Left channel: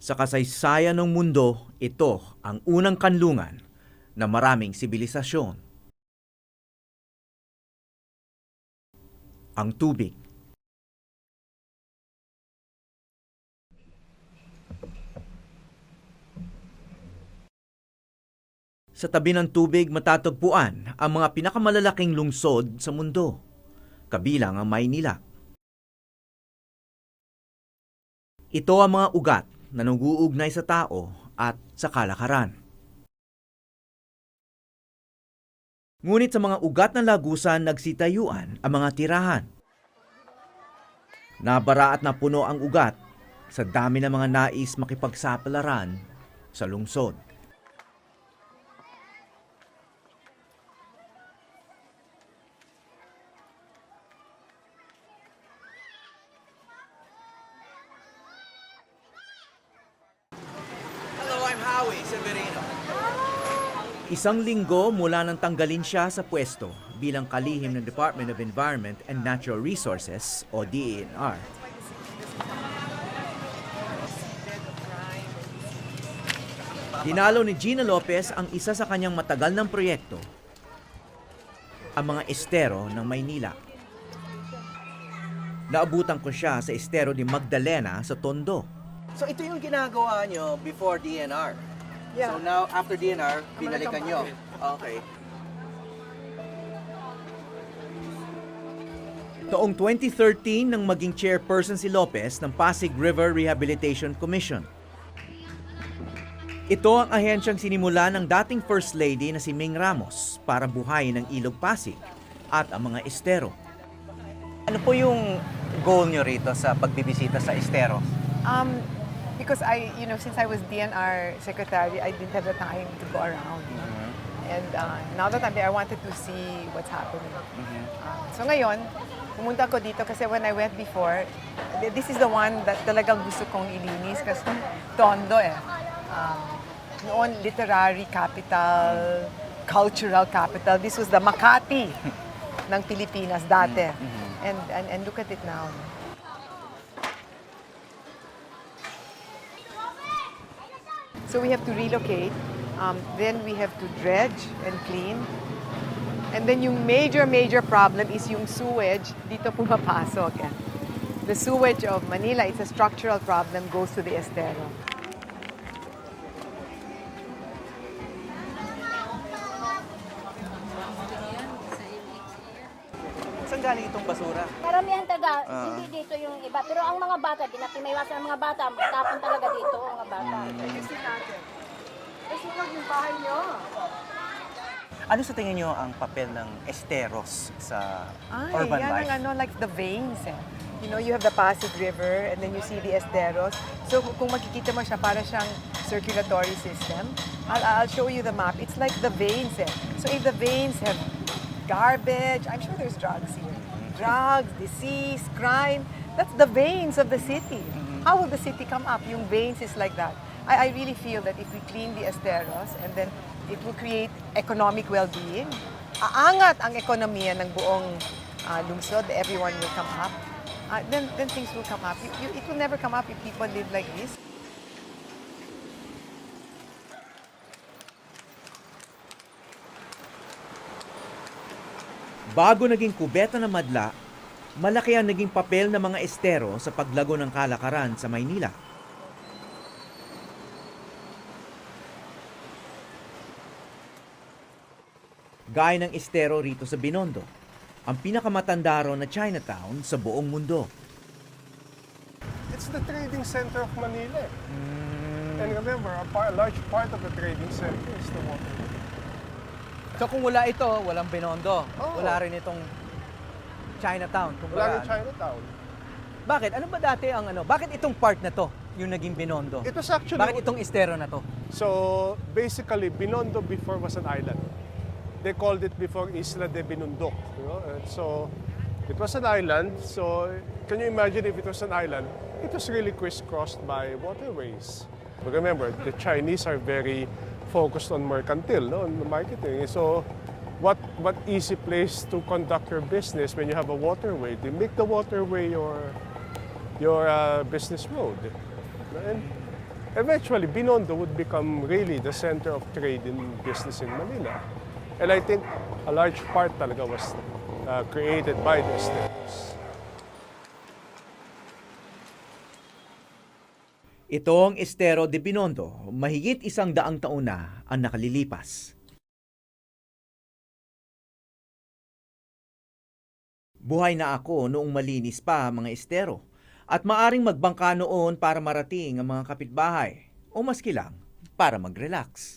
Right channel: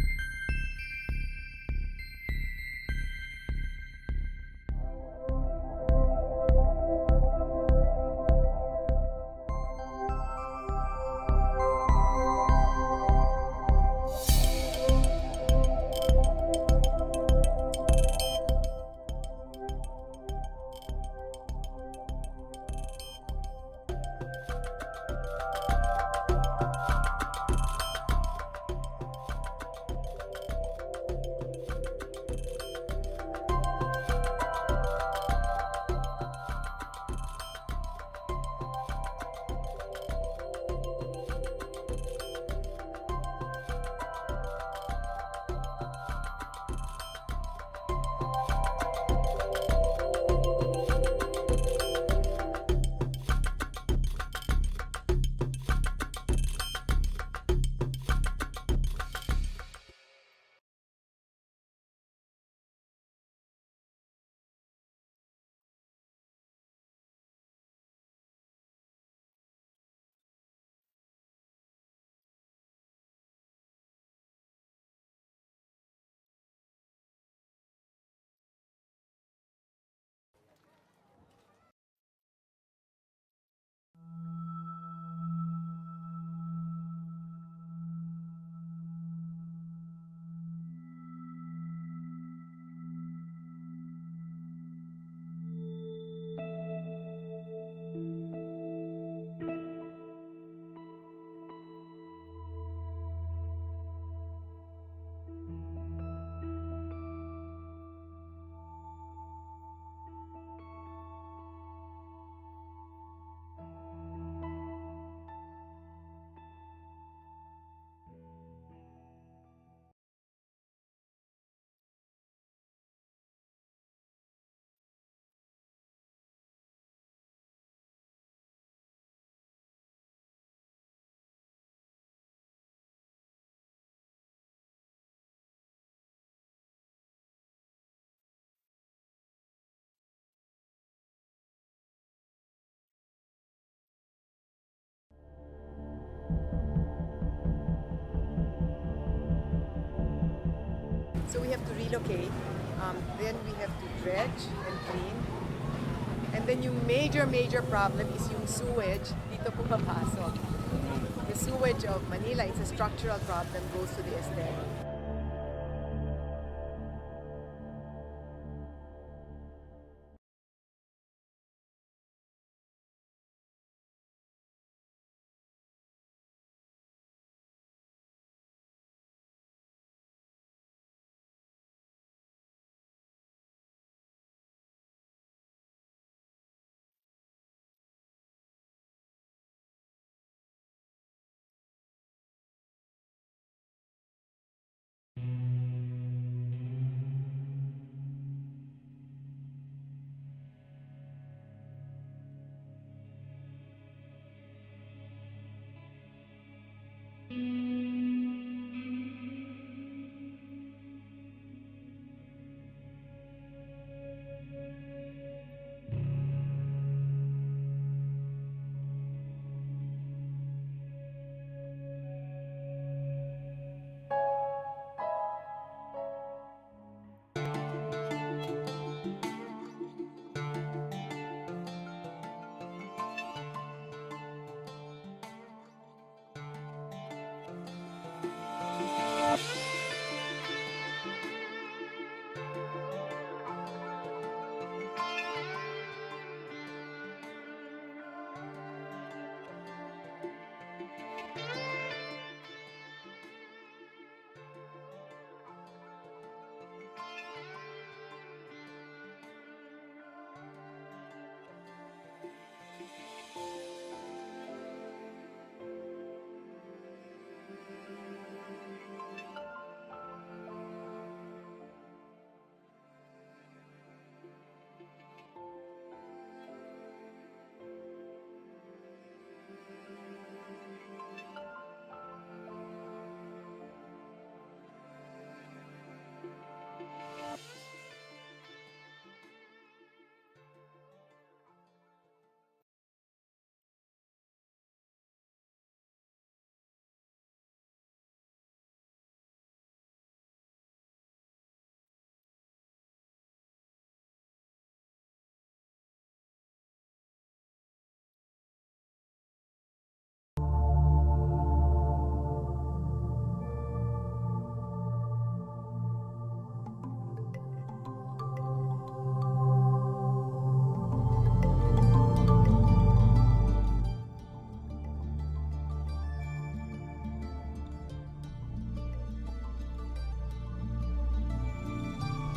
Sa kasaysayan ng mundo, ito ang unang kanlungan na maraming sibilisasyon. Ang tubig. Sa tabi ng tubig matatagpuan ang mga pinakamalalaking lungsod sa mundo, kabilang ang Maynila. Ito ang mga ugat na nag-uugnay sa tao at sa kalakaran. Ngunit sa mga ugat ng Lagusan nagsitayuan ang mga tirahan. Nabara at napuno ang ugat sa dami ng mga nais makipagsapalaran sa lungsod. Isang linggo mula nang tanggalin siya sa pwesto bilang kalihim ng Department of Environment and Natural Resources o DENR. Dinalo ni Gina Lopez ang isa sa kanyang matagal ng proyekto, ang mga estero ng Maynila. Naabutan ko siya sa estero ni Magdalena sa Tondo. So ito yung ginagawa nyo before DNR? Yeah. So now, after DNR, binalikan nyo? Okay. Noong 2013 nang maging chairperson si Lopez ng Pasig River Rehabilitation Commission. Ito ang ahensyang sinimula ng dating First Lady na si Ming Ramos para buhayin ang Ilog Pasig at ang mga estero. Ano po yung goal nyo rito sa pagbibisita sa estero? Because since I was DNR secretary, I didn't have the time to go around. And now that I'm there, I wanted to see what's happening. So ngayon, pumunta ko dito kasi when I went before, this is the one that talagang gusto kong ilinis kasi Tondo eh. Noon, literary capital, cultural capital. This was the Makati ng Pilipinas dati. And look at it now. So we have to relocate, then we have to dredge and clean. And then yung major problem is yung sewage dito pumapasok. The sewage of Manila, it's a structural problem, goes to the estero. Saan galing itong basura? Karamihan taga, hindi dito yung iba. Pero ang mga bata, di natin may iwasan ang mga bata. Magtapon talaga dito ang mga bata. Kasi huwag yung bahay nyo. Ano sa tingin nyo ang papel ng esteros sa urban yan life? ang like the veins eh. You know, you have the Pasig River and then you see the esteros. So kung makikita mo siya, para siyang circulatory system. I'll show you the map. It's like the veins eh. So if the veins have garbage, I'm sure there's drugs here. Drugs, disease, crime. That's the veins of the city. How will the city come up? Yung veins is like that. I really feel that if we clean the esteros and then it will create economic well-being, aangat ang ekonomiya ng buong lungsod, everyone will come up, then things will come up. It will never come up if people live like this. Bago naging kubeta ng madla, malaki ang naging papel ng mga estero sa paglago ng kalakaran sa Maynila. Gaya ng estero rito sa Binondo, ang pinakamatanda raw na Chinatown sa buong mundo. It's the trading center of Manila. And remember, a large part of the trading center is the water. So kung wala ito, walang Binondo. Oo. Wala rin itong Chinatown. Wala rin Chinatown. Bakit? Ano ba dati ang ano? Bakit itong part na to yung naging Binondo? It was actually... Bakit itong estero na to? So, basically, Binondo before was an island. They called it before Isla de Binundok. You know? And so, it was an island. So, can you imagine if it was an island? It was really crisscrossed by waterways. But remember, the Chinese are very focused on mercantile, no, on marketing. So, what easy place to conduct your business when you have a waterway? They make the waterway your business road. And eventually Binondo would become really the center of trade and business in Manila. And I think a large part talaga was created by the estates. Itong Estero de Binondo, mahigit 100 taon na ang nakalilipas. Buhay na ako noong malinis pa ang mga estero at maaring magbangka noon para marating ang mga kapitbahay o maski lang para mag-relax.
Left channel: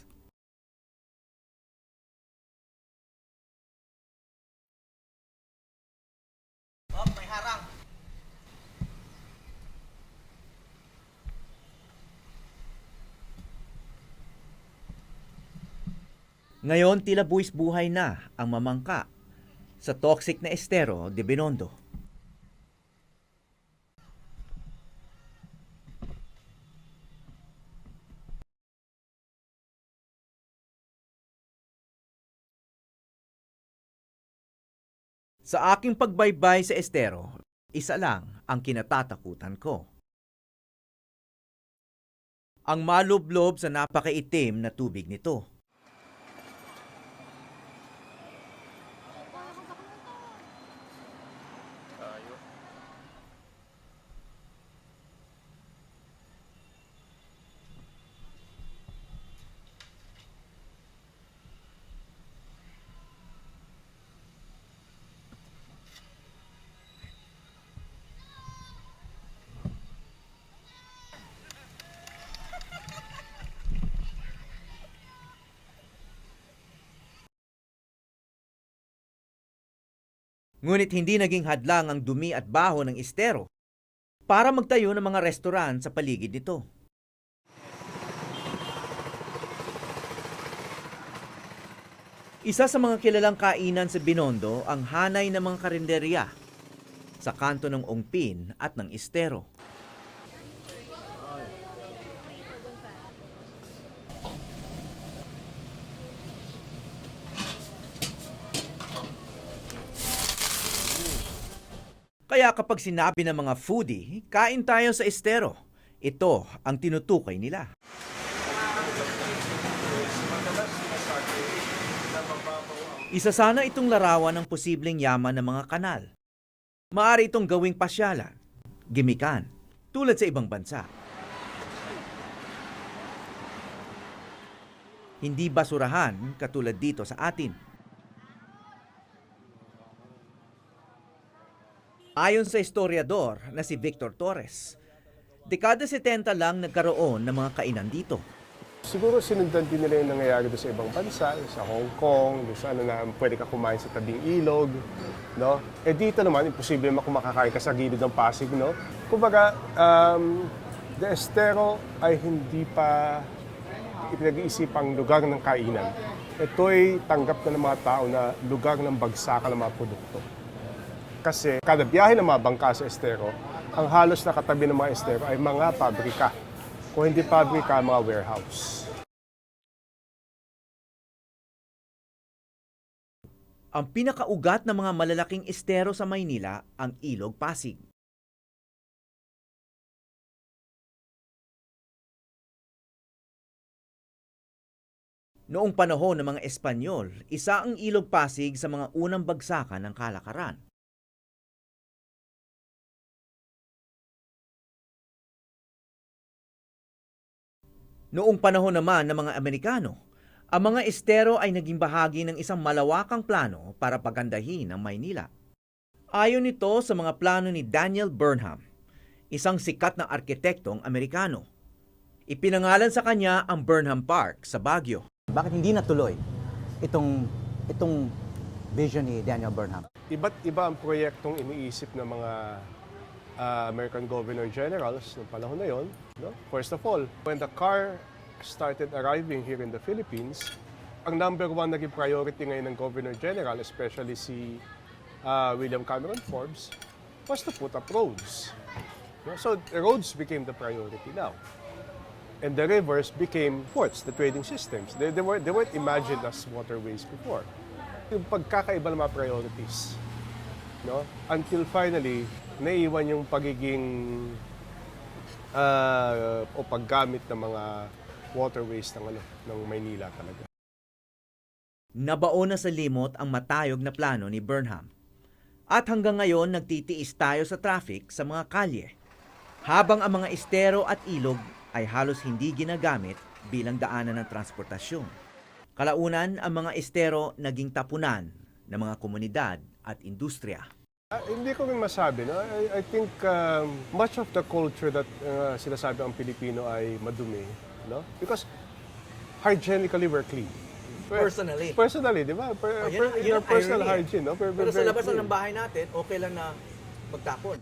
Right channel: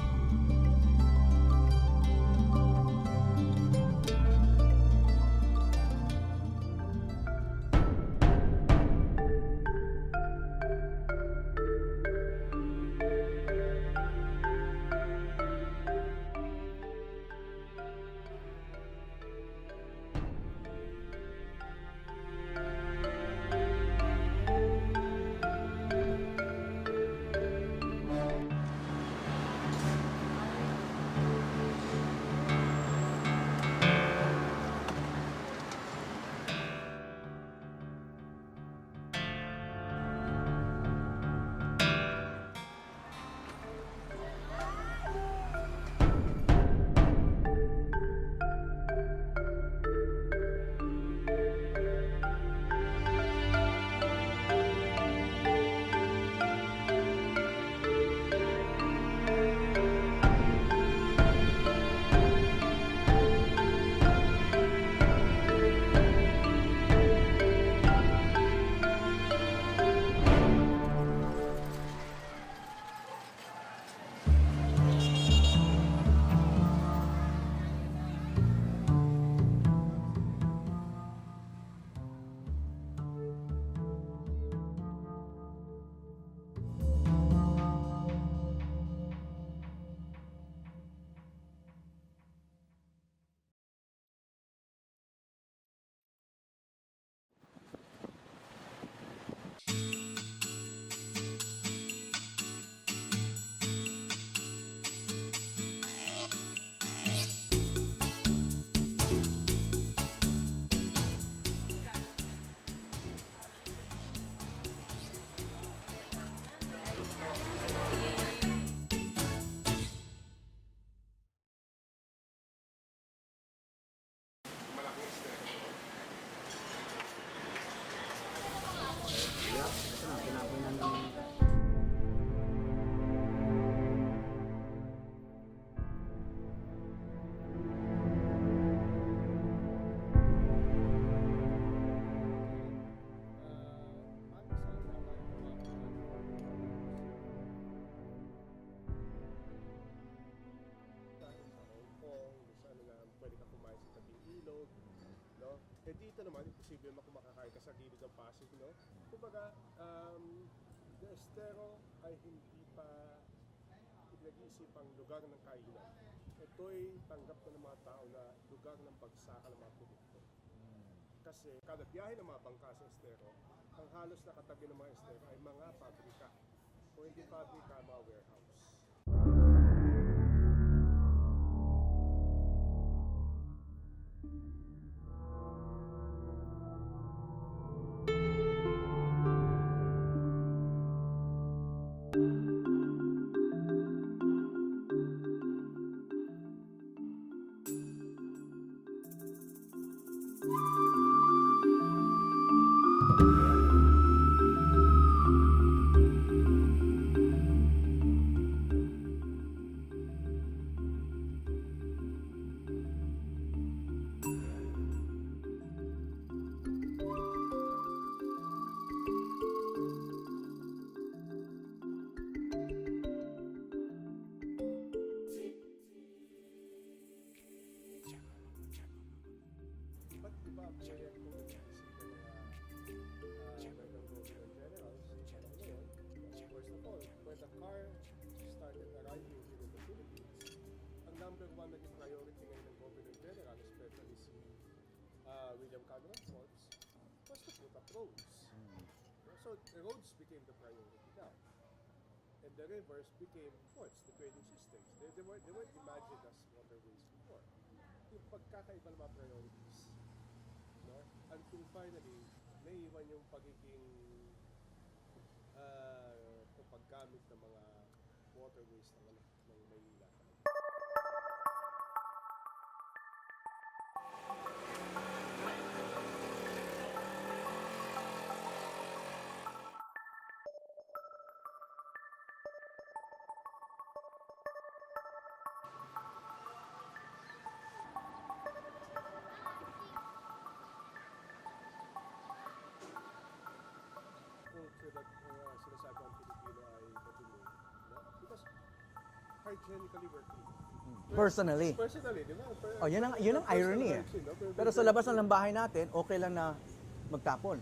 Ngayon tila buwis buhay na ang mamangka sa toxic na Estero de Binondo. Sa aking pagbaybay sa Estero, isa lang ang kinatatakutan ko. Ang malublob sa napakaitim na tubig nito. Ngunit hindi naging hadlang ang dumi at baho ng Estero para magtayo ng mga restaurant sa paligid nito. Isa sa mga kilalang kainan sa Binondo ang hanay ng mga karinderya sa kanto ng Ongpin at ng Estero. Kaya kapag sinabi ng mga foodie, kain tayo sa Estero, ito ang tinutukoy nila. Isa sana itong larawan ng posibleng yaman ng mga kanal. Maaari itong gawing pasyalan, gimikan, tulad sa ibang bansa. Hindi basurahan katulad dito sa atin. Ayon sa historiador na si Victor Torres, dekada 70 lang nagkaroon ng mga kainan dito. Siguro sinundan din nila yung nangyayari doon sa ibang bansa, sa Hong Kong, doon sa ano na pwede ka kumain sa tabing ilog, no? Eh dito naman, imposible makakakain ka sa gilid ng Pasig, no? Kumbaga, the Estero ay hindi pa ipinag-iisipang lugar ng kainan. Ito'y tanggap na ng mga tao na lugar ng bagsakan ng mga produkto. Kasi kada biyahe ng mga bangka sa Estero, ang halos na katabi ng mga Estero ay mga pabrika. Kung hindi pabrika, mga warehouse. Ang pinakaugat ng mga malalaking estero sa Maynila ang Ilog Pasig. Noong panahon ng mga Espanyol, isa ang Ilog Pasig sa mga unang bagsakan ng kalakaran. Noong panahon naman ng mga Amerikano, ang mga estero ay naging bahagi ng isang malawakang plano para pagandahin ang Maynila. Ayon ito sa mga plano ni Daniel Burnham, isang sikat na arkitektong Amerikano. Ipinangalan sa kanya ang Burnham Park sa Baguio. Bakit hindi natuloy itong vision ni Daniel Burnham? Iba't iba ang proyektong iniisip ng mga American Governor Generals noong panahon na yon. No? First of all, when the car started arriving here in the Philippines, ang number one naging priority ngayon ng Governor General, especially si William Cameron Forbes, was to put up roads. No? So roads became the priority now. And the rivers became ports, the trading systems. They weren't imagined as waterways before. Yung pagkakaiba ng mga priorities. No? Until finally, naiwan yung pagiging o paggamit ng mga waterways ng Maynila talaga. Nabaon na sa limot ang matayog na plano ni Burnham. At hanggang ngayon nagtitiis tayo sa traffic sa mga kalye. Habang ang mga estero at ilog ay halos hindi ginagamit bilang daanan ng transportasyon. Kalaunan, ang mga estero naging tapunan ng mga komunidad at industriya. Hindi ko rin masabi. No? I think much of the culture that sinasabi ang Pilipino ay madumi. No? Because hygienically we're clean. Personally. Personally, di ba? Yun ang personal irony eh. hygiene. No? Pero sa labas ng bahay natin, okay lang na magtapon.